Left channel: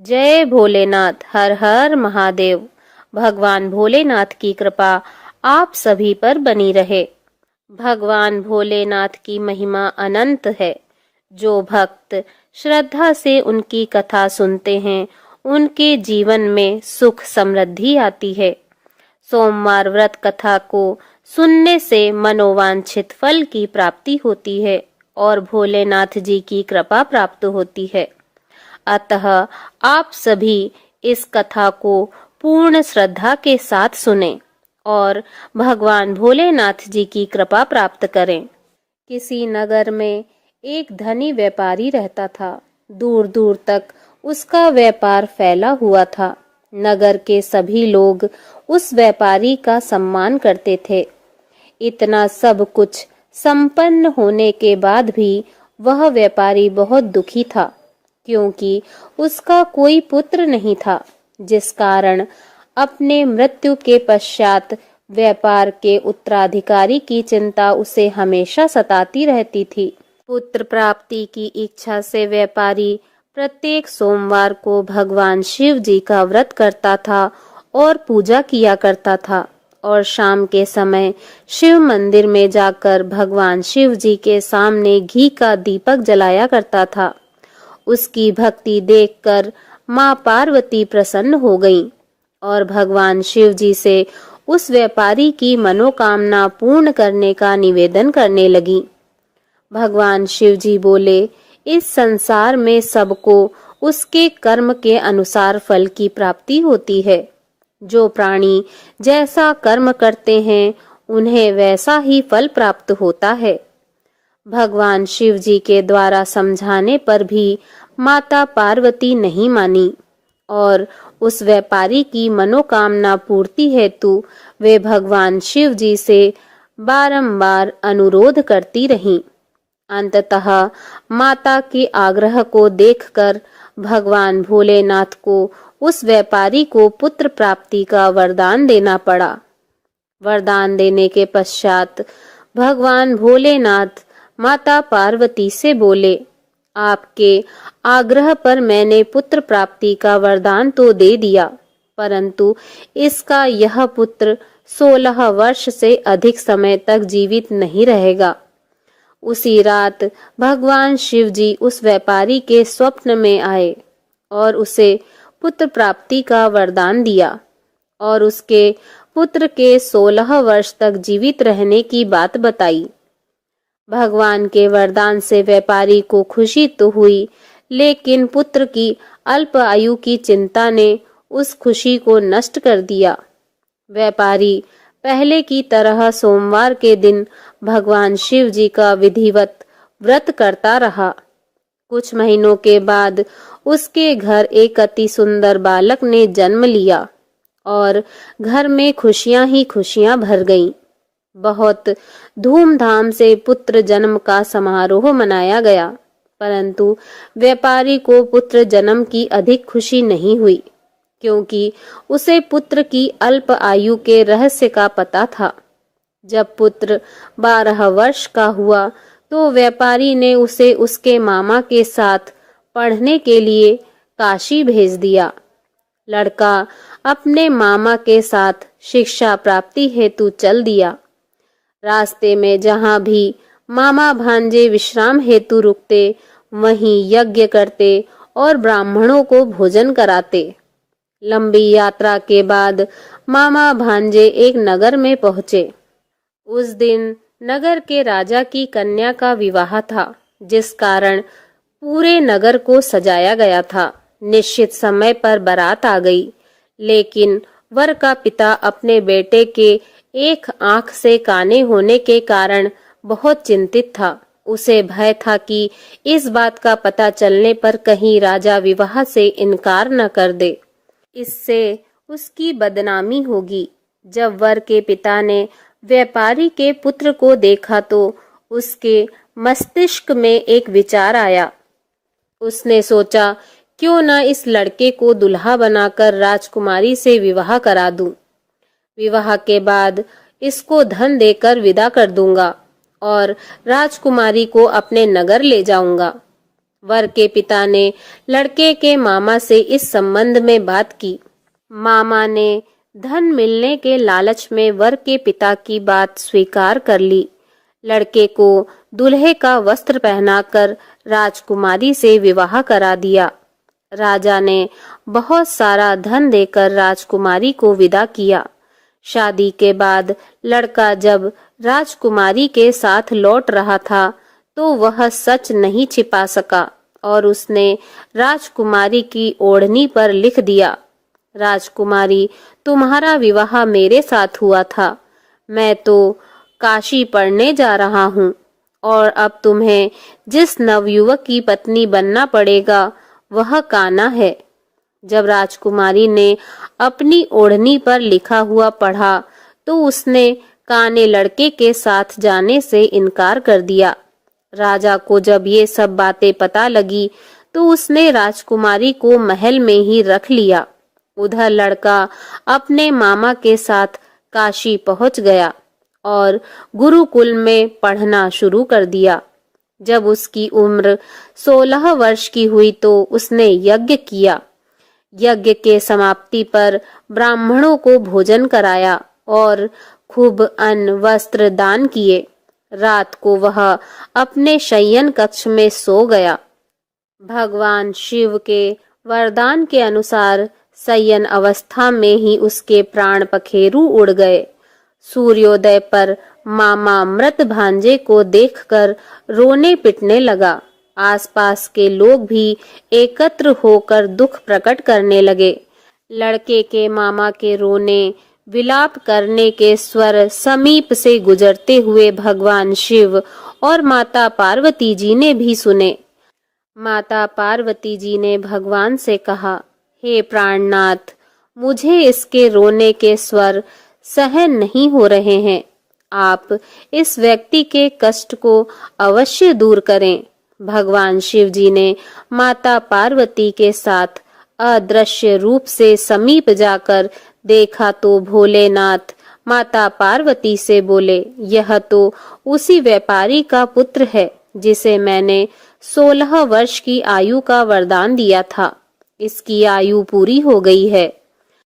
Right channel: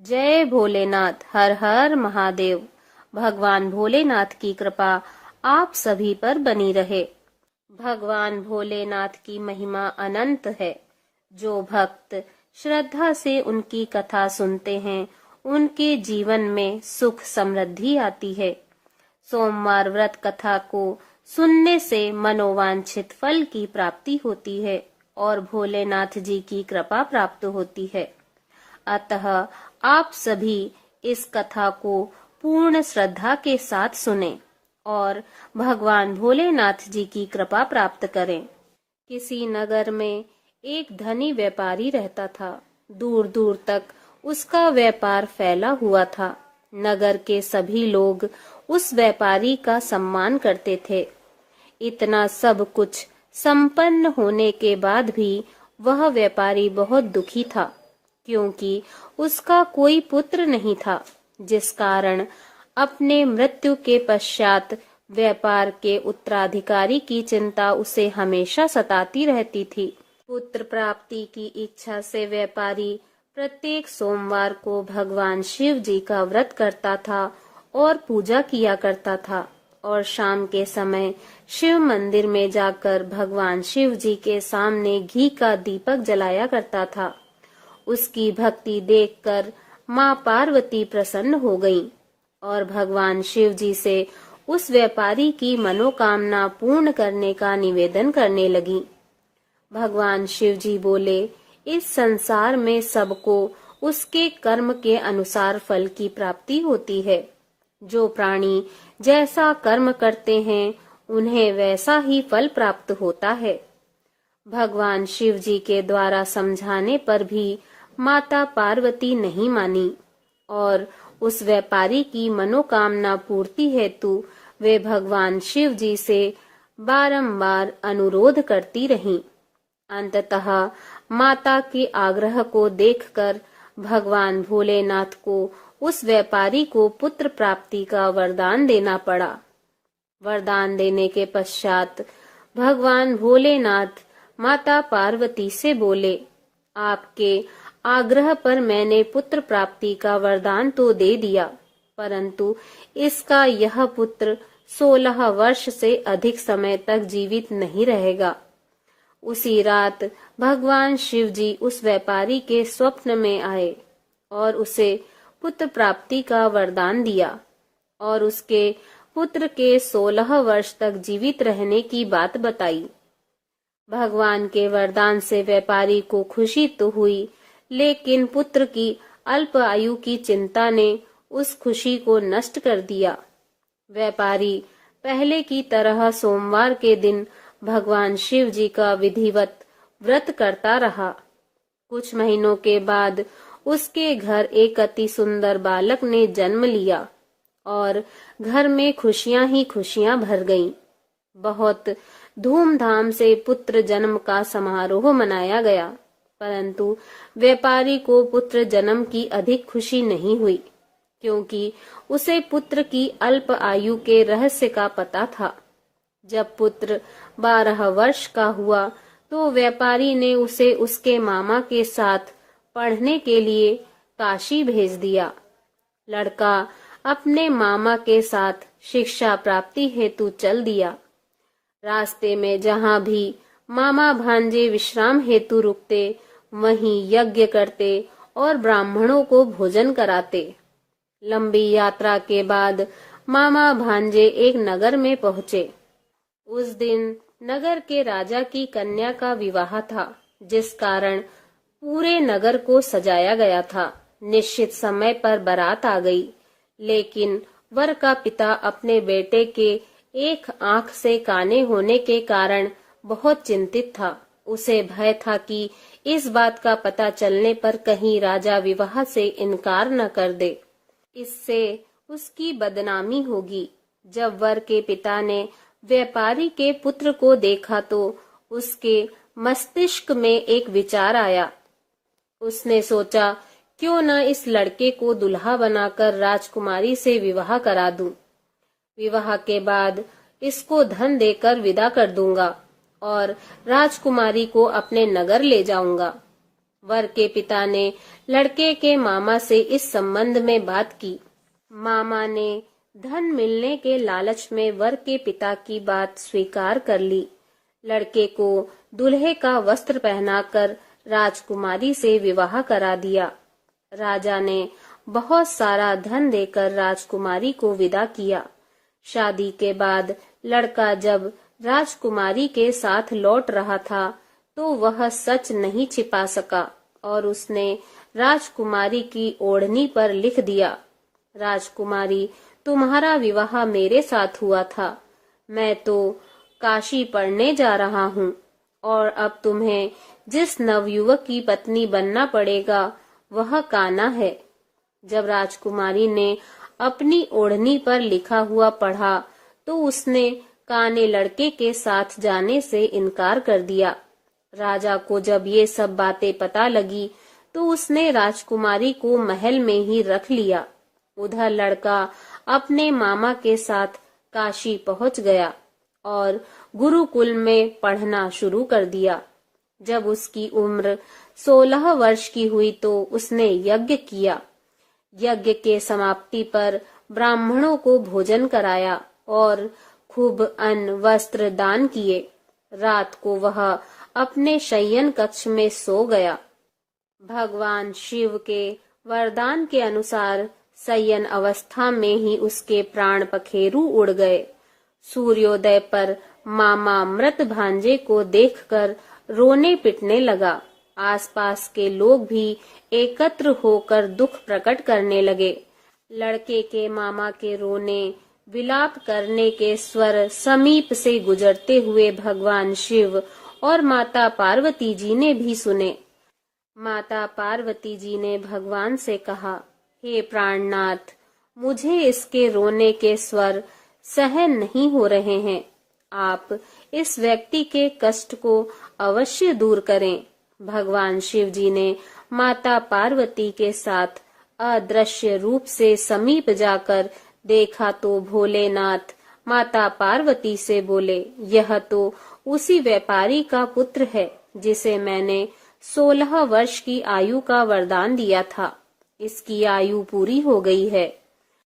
जय भोलेनाथ। हर हर महादेव। भगवान भोलेनाथ की कृपा आप सभी पर बनी रहे। भगवान भोलेनाथ की महिमा अनंत है। जो भक्त श्रद्धा से उनकी कथा सुनते हैं, उनके जीवन में सुख समृद्धि आती है। सोमवार व्रत कथा को सुनने से मनोवांछित फल की प्राप्ति होती है और भोलेनाथ जी की कृपा प्राप्त होती है। अतः आप सभी इस कथा को पूर्ण श्रद्धा के साथ सुनें और भगवान भोलेनाथ जी की कृपा प्राप्त करें। किसी नगर में एक धनी व्यापारी रहता था। दूर दूर तक उसका व्यापार फैला हुआ था। नगर के सभी लोग उस व्यापारी का सम्मान करते थे। इतना सब कुछ संपन्न होने के बाद भी वह व्यापारी बहुत दुखी था, क्योंकि उसका कोई पुत्र नहीं था, जिस कारण अपने मृत्यु के पश्चात व्यापार के उत्तराधिकारी की चिंता उसे हमेशा सताती रहती थी। पुत्र प्राप्ति की इच्छा से व्यापारी प्रत्येक सोमवार को भगवान शिव जी का व्रत करता था और पूजा किया करता था, और शाम के समय शिव मंदिर में जाकर भगवान शिव जी के सामने घी का दीपक जलाया करता था। उसकी भक्ति देखकर माँ पार्वती प्रसन्न हो गईं और भगवान शिव जी से उस व्यापारी की मनोकामना पूर्ण करने का निवेदन करने लगी। भगवान शिव जी बोले, इस संसार में सबको उसके कर्म के अनुसार फल की प्राप्ति होती है। जो प्राणी जैसा कर्म करते हैं, उन्हें वैसा ही फल प्राप्त होता है। भगवान शिव जी के द्वारा समझाने पर भी माता पार्वती नहीं मानी और उस व्यापारी की मनोकामना पूर्ति हेतु वे भगवान शिव जी से बारंबार अनुरोध करती रहीं। अंततः माता के आग्रह को देखकर भगवान भोलेनाथ को उस व्यापारी को पुत्र प्राप्ति का वरदान देना पड़ा। वरदान देने के पश्चात भगवान भोलेनाथ माता पार्वती से बोले, आपके आग्रह पर मैंने पुत्र प्राप्ति का वरदान तो दे दिया, परंतु इसका यह पुत्र 16 वर्ष से अधिक समय तक जीवित नहीं रहेगा। उसी रात भगवान शिव जी उस व्यापारी के स्वप्न में आए और उसे पुत्र प्राप्ति का वरदान दिया और उसके पुत्र के 16 वर्ष तक जीवित रहने की बात बताई। भगवान के वरदान से व्यापारी को खुशी तो हुई, लेकिन पुत्र की अल्प आयु की चिंता ने उस खुशी को नष्ट कर दिया। व्यापारी पहले की तरह सोमवार के दिन भगवान शिव जी का विधिवत व्रत करता रहा। कुछ महीनों के बाद उसके घर एक अति सुंदर बालक ने जन्म लिया और घर में खुशियां ही खुशियां भर गईं। बहुत धूमधाम से पुत्र जन्म का समारोह मनाया गया, परंतु व्यापारी को पुत्र जन्म की अधिक खुशी नहीं हुई, क्योंकि उसे पुत्र की अल्प आयु के रहस्य का पता था। जब पुत्र 12 वर्ष का हुआ तो व्यापारी ने उसे उसके मामा के साथ पढ़ने के लिए काशी भेज दिया। लड़का अपने मामा के साथ शिक्षा प्राप्ति हेतु चल दिया। रास्ते में जहाँ भी मामा भांजे विश्राम हेतु रुकते, वहीं यज्ञ करते और ब्राह्मणों को भोजन कराते। लंबी यात्रा के बाद मामा भांजे एक नगर में पहुंचे। उस दिन नगर के राजा की कन्या का विवाह था, जिस कारण पूरे नगर को सजाया गया था। निश्चित समय पर बारात आ गई, लेकिन वर का पिता अपने बेटे के एक आंख से काने होने के कारण बहुत चिंतित था। उसे भय था कि इस बात का पता चलने पर कहीं राजा विवाह से इनकार न कर दे, इससे उसकी बदनामी होगी। जब वर के पिता ने व्यापारी के पुत्र को देखा तो उसके मस्तिष्क में एक विचार आया। उसने सोचा, क्यों न इस लड़के को दुल्हा बनाकर राजकुमारी से विवाह करा दूं। विवाह के बाद इसको धन देकर विदा कर दूंगा और राजकुमारी को अपने नगर ले जाऊंगा। वर के पिता ने लड़के के मामा से इस संबंध में बात की। मामा ने धन मिलने के लालच में वर के पिता की बात स्वीकार कर ली। लड़के को दूल्हे का वस्त्र पहनाकर राजकुमारी से विवाह करा दिया। राजा ने बहुत सारा धन देकर राजकुमारी को विदा किया। शादी के बाद लड़का जब राजकुमारी के साथ लौट रहा था तो वह सच नहीं छिपा सका और उसने राजकुमारी की ओढ़नी पर लिख दिया, राजकुमारी, तुम्हारा विवाह मेरे साथ हुआ था। मैं तो काशी पढ़ने जा रहा हूँ और अब तुम्हें जिस नवयुवक की पत्नी बनना पड़ेगा वह कान्हा है। जब राजकुमारी ने अपनी ओढ़नी पर लिखा हुआ पढ़ा तो उसने काने लड़के के साथ जाने से इनकार कर दिया। राजा को जब ये सब बातें पता लगी तो उसने राजकुमारी को महल में ही रख लिया। उधर लड़का अपने मामा के साथ काशी पहुंच गया और गुरुकुल में पढ़ना शुरू कर दिया। जब उसकी उम्र 16 वर्ष की हुई तो उसने यज्ञ किया। यज्ञ के समाप्ति पर ब्राह्मणों को भोजन कराया और खूब अन्न वस्त्र दान किए। रात को वह अपने शयन कक्ष में सो गया। भगवान शिव के वरदान के अनुसार शयन अवस्था में ही उसके प्राण पखेरु उड़ गए। सूर्योदय पर मामा मृत भांजे को देखकर रोने पिटने लगा। आसपास के लोग भी एकत्र होकर दुख प्रकट करने लगे। लड़के के मामा के रोने विलाप करने के स्वर समीप से गुजरते हुए भगवान शिव और माता पार्वती जी ने भी सुने। माता पार्वती जी ने भगवान से कहा, हे प्राणनाथ, मुझे इसके रोने के स्वर सहन नहीं हो रहे हैं। आप इस व्यक्ति के कष्ट को अवश्य दूर करें। भगवान शिव जी ने माता पार्वती के साथ अदृश्य रूप से समीप जाकर देखा तो भोलेनाथ माता पार्वती से बोले, यह तो उसी व्यापारी का पुत्र है जिसे मैंने 16 वर्ष की आयु का वरदान दिया था। इसकी आयु पूरी हो गई है।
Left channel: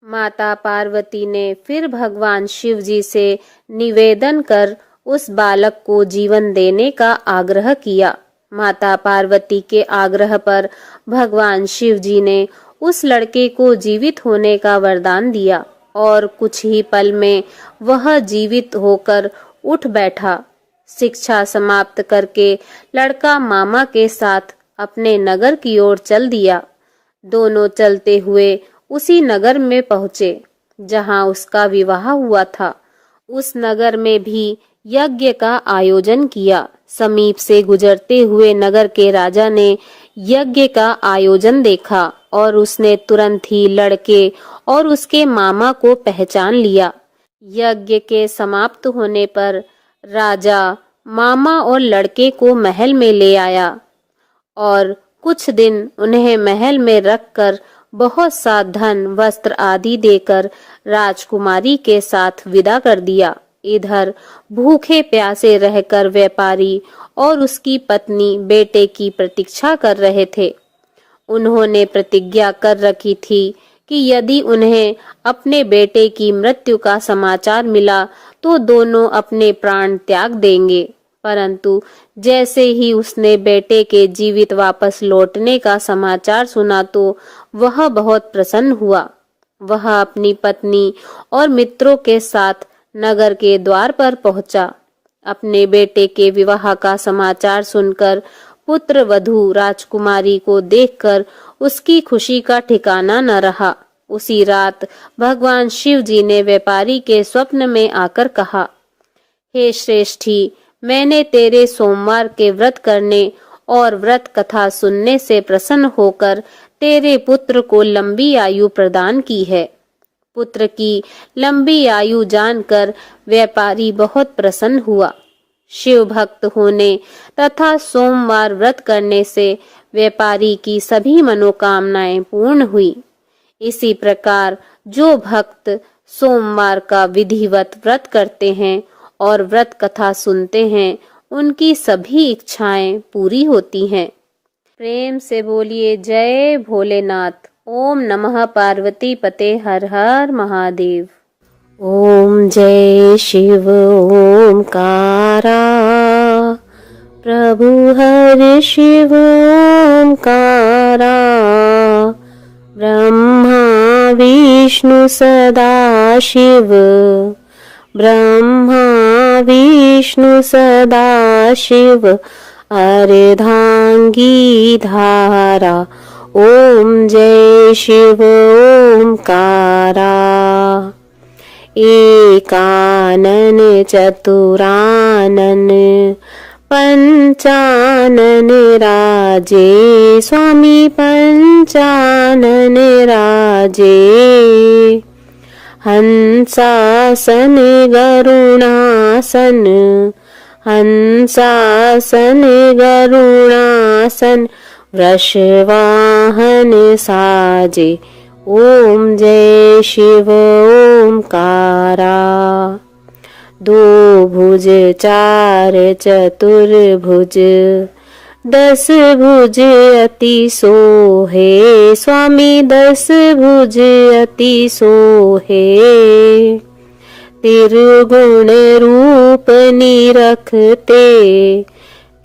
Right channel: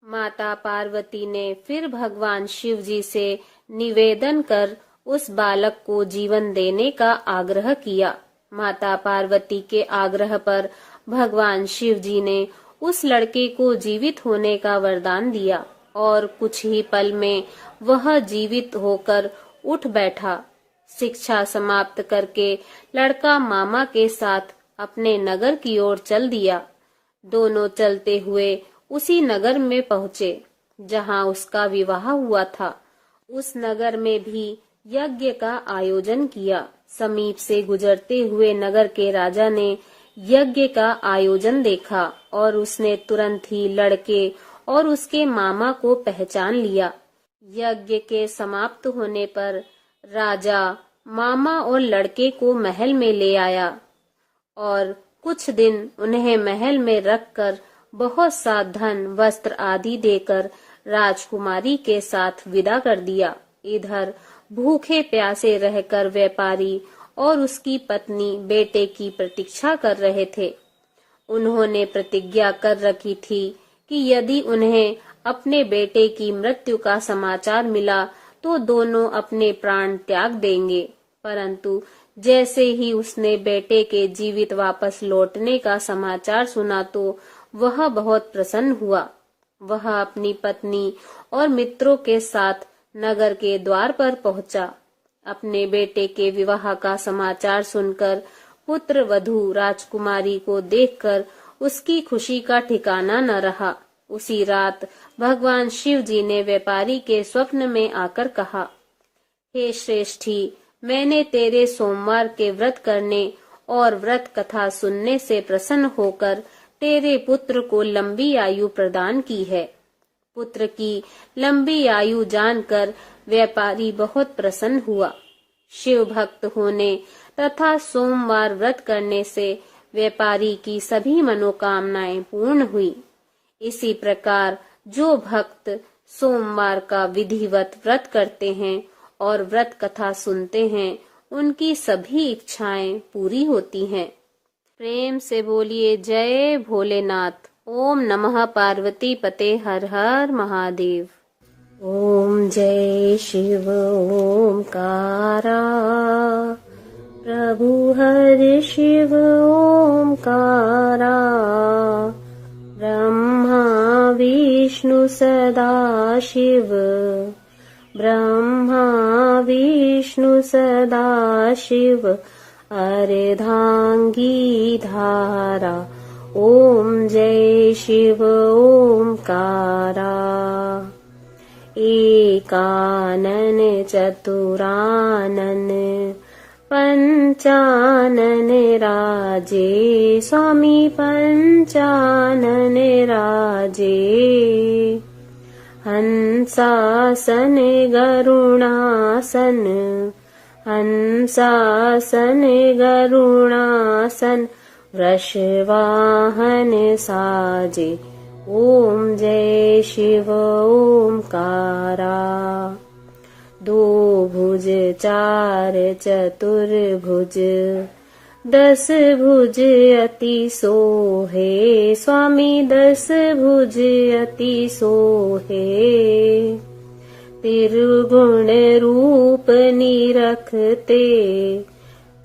माता पार्वती ने फिर भगवान शिव जी से निवेदन कर उस बालक को जीवन देने का आग्रह किया। माता पार्वती के आग्रह पर भगवान शिव जी ने उस लड़के को जीवित होने का वरदान दिया और कुछ ही पल में वह जीवित होकर उठ बैठा। शिक्षा समाप्त करके लड़का मामा के साथ अपने नगर की ओर चल दिया। दोनों चलते हुए उसी नगर में पहुंचे जहां उसका विवाह हुआ था। उस नगर में भी यज्ञ का आयोजन किया। समीप से गुजरते हुए नगर के राजा ने यज्ञ का आयोजन देखा और उसने तुरंत ही लड़के और उसके मामा को पहचान लिया। यज्ञ के समाप्त होने पर राजा मामा और लड़के को महल में ले आया और कुछ दिन उन्हें महल में रखकर बहुत सा धन वस्त्र आदि देकर राजकुमारी के साथ विदा कर दिया। इधर भूखे प्यासे रहकर व्यापारी और उसकी पत्नी बेटे की प्रतीक्षा कर रहे थे। उन्होंने प्रतिज्ञा कर रखी थी कि यदि उन्हें अपने बेटे की मृत्यु का समाचार मिला तो दोनों अपने प्राण त्याग देंगे। परंतु जैसे ही उसने बेटे के जीवित वापस लौटने का समाचार सुना तो वह बहुत प्रसन्न हुआ। वह अपनी पत्नी और मित्रों के साथ नगर के द्वार पर पहुंचा। अपने बेटे के विवाह का समाचार सुनकर पुत्र वधू राजकुमारी को देखकर उसकी खुशी का ठिकाना न रहा। उसी रात भगवान शिव जी ने व्यापारी के स्वप्न में आकर कहा, हे श्रेष्ठी, मैंने तेरे सोमवार के व्रत करने और व्रत कथा सुनने से प्रसन्न होकर तेरे पुत्र को लंबी आयु प्रदान की है। पुत्र की लंबी आयु जानकर व्यापारी बहुत प्रसन्न हुआ। शिव भक्त होने तथा सोमवार व्रत करने से व्यापारी की सभी मनोकामनाएं पूर्ण हुई। इसी प्रकार जो भक्त सोमवार का विधिवत व्रत करते हैं और व्रत कथा सुनते हैं, उनकी सभी इच्छाएं पूरी होती हैं। प्रेम से बोलिए जय भोलेनाथ। ओम नमः पार्वती पते हर हर महादेव। ओम जय शिव ओमकारा, प्रभु हर शिव ओमकारा, ब्रह्मा विष्णु सदा शिव, ब्रह्मा विष्णु सदा शिव, अर्धांगी धारा। ओम जय शिव ओमकारा, एकानन चतुरानन पंचानन राजे, स्वामी पंचानन राजे, हंसासन गरुणासन, हंसासन गरुणासन, वृषवाहन साजे। ओम जय शिव ओमकारा, दो भुज चार चतुर्भुज, 10 भुज अति सोहे, स्वामी 10 भुज अति सोहे, त्रिगुण रूप निरखते,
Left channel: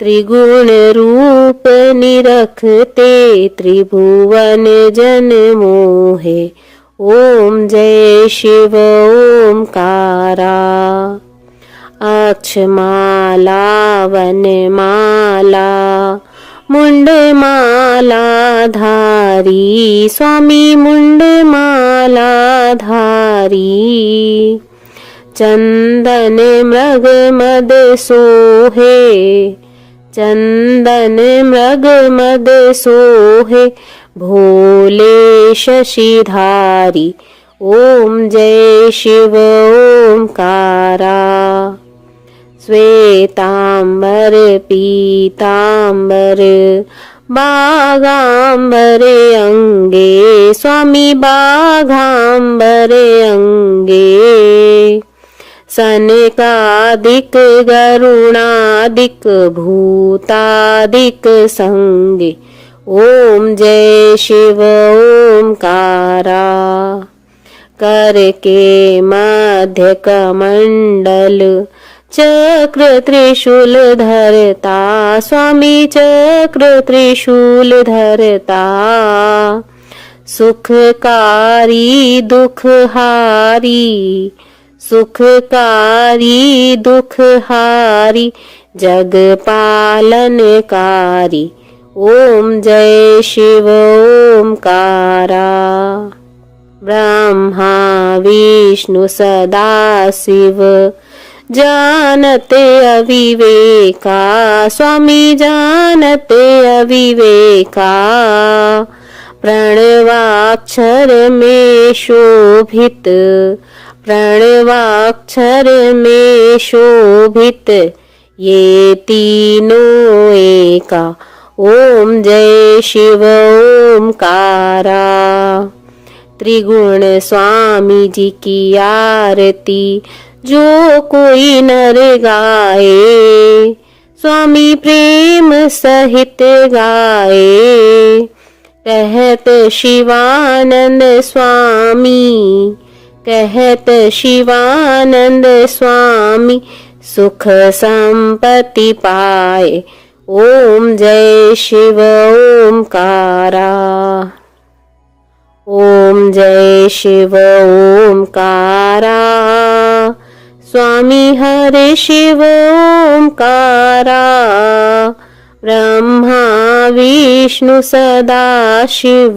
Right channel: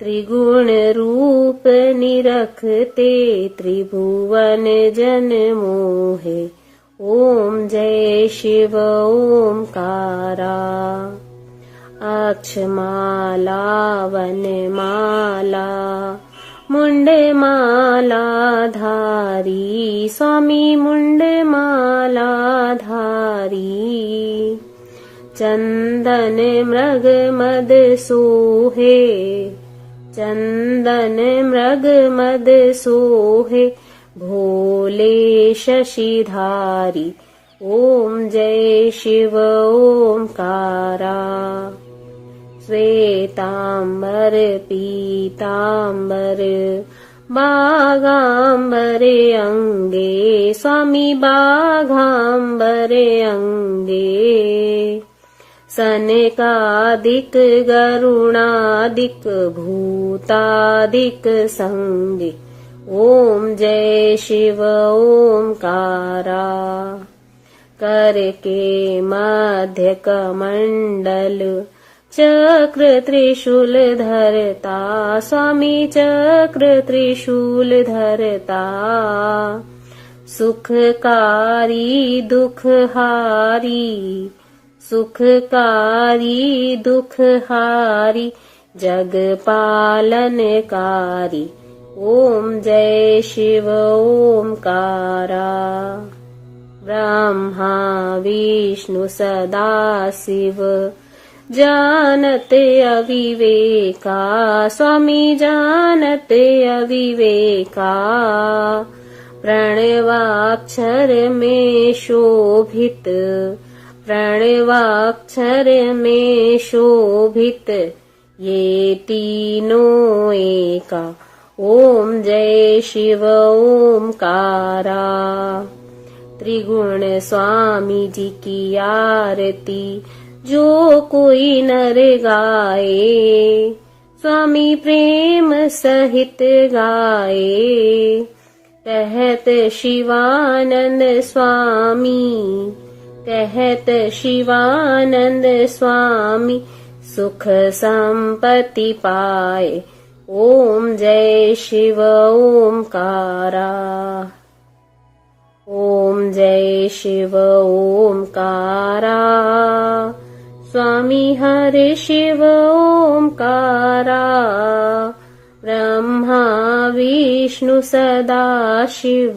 त्रिगुण रूप निरखते, त्रिभुवन जन मोहे। ओम जय शिव ओमकारा, अक्षमाला वनमाला, मुंडमाला धारी, स्वामी मुंडमाला धारी, चंदन मृग मद सोहे, चंदन मृग मद सोहे, भोले शशिधारी। ओम जय शिव ओमकारा, श्वेतांबर पीतांबर, बागांबर अंगे, स्वामी बागांबर अंगे, सनकादिक गरुणादिक भूतादिक संगे। ओम जय शिव ओमकारा, कर के मध्य कमंडल, चक्र त्रिशूल धरता, स्वामी चक्र त्रिशूल धरता, सुखकारी दुखहारी, सुखकारी दुखहारी, जग पालनकारी। ओम जय शिव ओमकारा, ब्रह्मा विष्णु सदा शिव, जानते अविवेका, स्वामी जानते अविवेका, प्रणवाक्षर में शोभित, प्रणवाक्षर में शोभित, ये तीनों एका। ओम जय शिव ओमकारा, त्रिगुण स्वामी जी की आरती जो कोई नर गाए, स्वामी प्रेम सहित गाए, कहत शिवानंद स्वामी, कहत शिवानंद स्वामी, सुख संपत्ति पाए। ओम जय शिव ओमकारा, ओम जय शिव ओमकारा, स्वामी हरे शिव ओमकारा, ब्रह्मा विष्णु सदा शिव,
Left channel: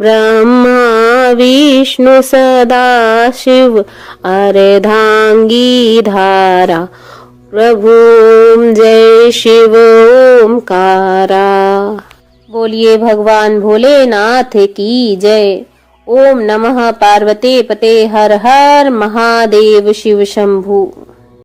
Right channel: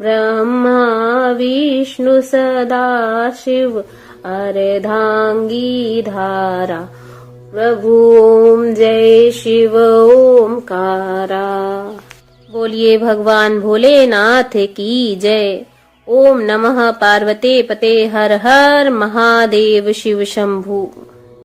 ब्रह्मा विष्णु सदा शिव, अर्धांगी धारा। प्रभु जय शिव ओमकारा। बोलिए भगवान भोलेनाथ की जय। ओम नमः पार्वती पते हर हर महादेव शिव शंभु।